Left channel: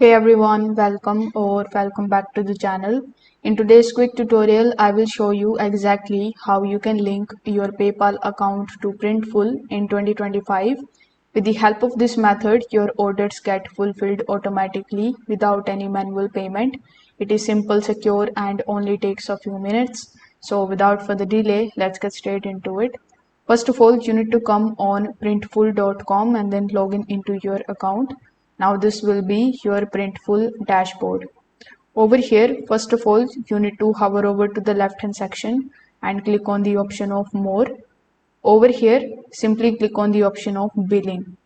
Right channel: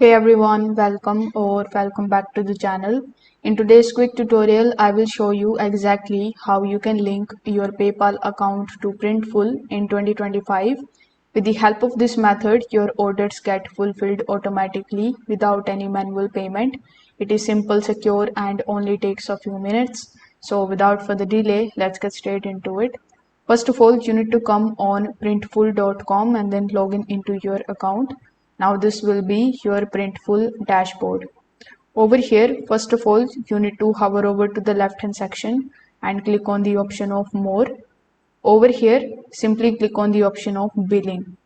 Hey everyone, welcome back to the channel. In today's quick tutorial, I will show you exactly how you can link your PayPal account to Printful in 2025. With the help of this method, your orders get fulfilled automatically without any manual payment. It is simple, secure, and only takes a few minutes. So without further delay, let's get straight into it. First of all, you need to come on printful.com and then log in into your account. Now this will be your Printful dashboard. Over here, first of all, you need to hover over to the left hand section and click on the option of more. Over here, simply click on the option of billing.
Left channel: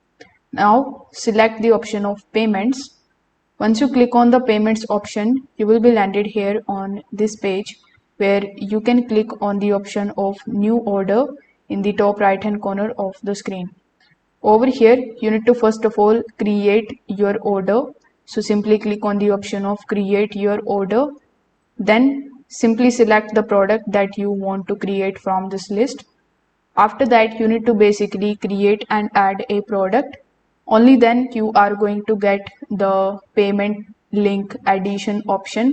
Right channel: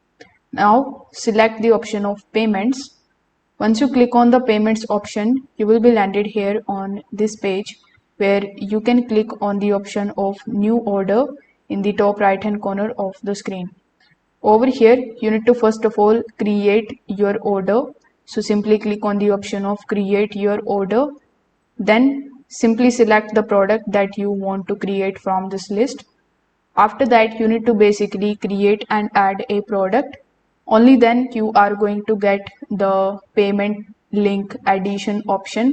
Now select the option of payments. Once you click on the payments option, you will be landed here on this page where you can click on the option of new order in the top right hand corner of the screen. Over here, you need to first of all create your order. So simply click on the option of create your order. Then simply select the product that you want to create from this list. After that, you need to basically create and add a product. Only then you are going to get the payment link addition option.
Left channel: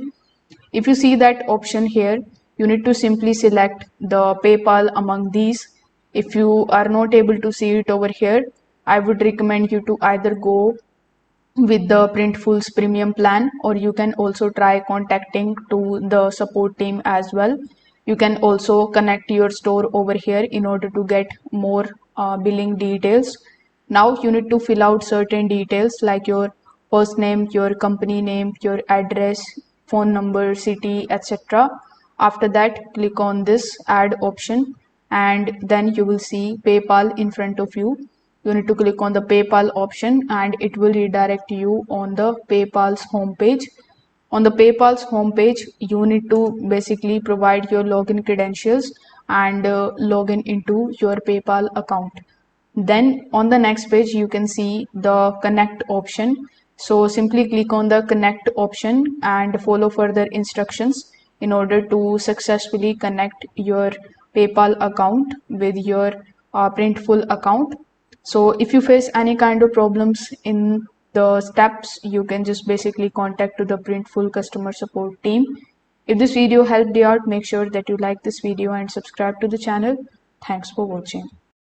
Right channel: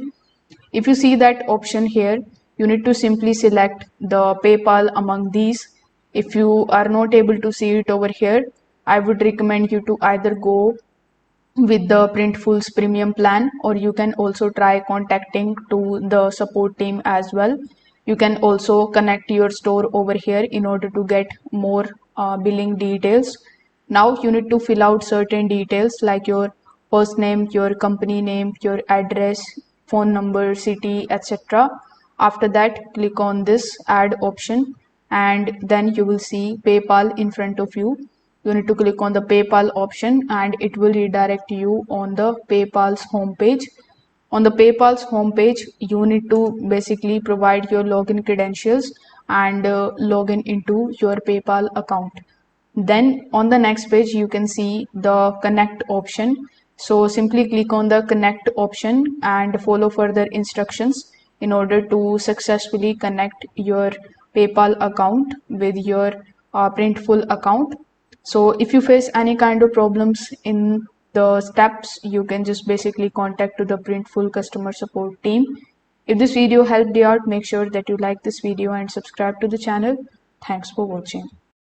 If you see that option here, you need to simply select the PayPal among these. If you are not able to see it over here, I would recommend you to either go with the Printful's premium plan, or you can also try contacting to the support team as well. You can also connect your store over here in order to get more billing details. Now you need to fill out certain details like your first name, your company name, your address, phone number, city, etc. After that, click on this add option and then you will see PayPal in front of you. You need to click on the PayPal option and it will redirect you on the PayPal's homepage. On the PayPal's homepage, you need to basically provide your login credentials and log in into your PayPal account. Then on the next page, you can see the connect option. So simply click on the connect option and follow further instructions in order to successfully connect your PayPal account with your Printful account. So if you face any kind of problems in the steps, you can just basically contact to the Printful customer support team. If this video helped you out, make sure that you like this video and subscribe to the channel. Thanks for watching.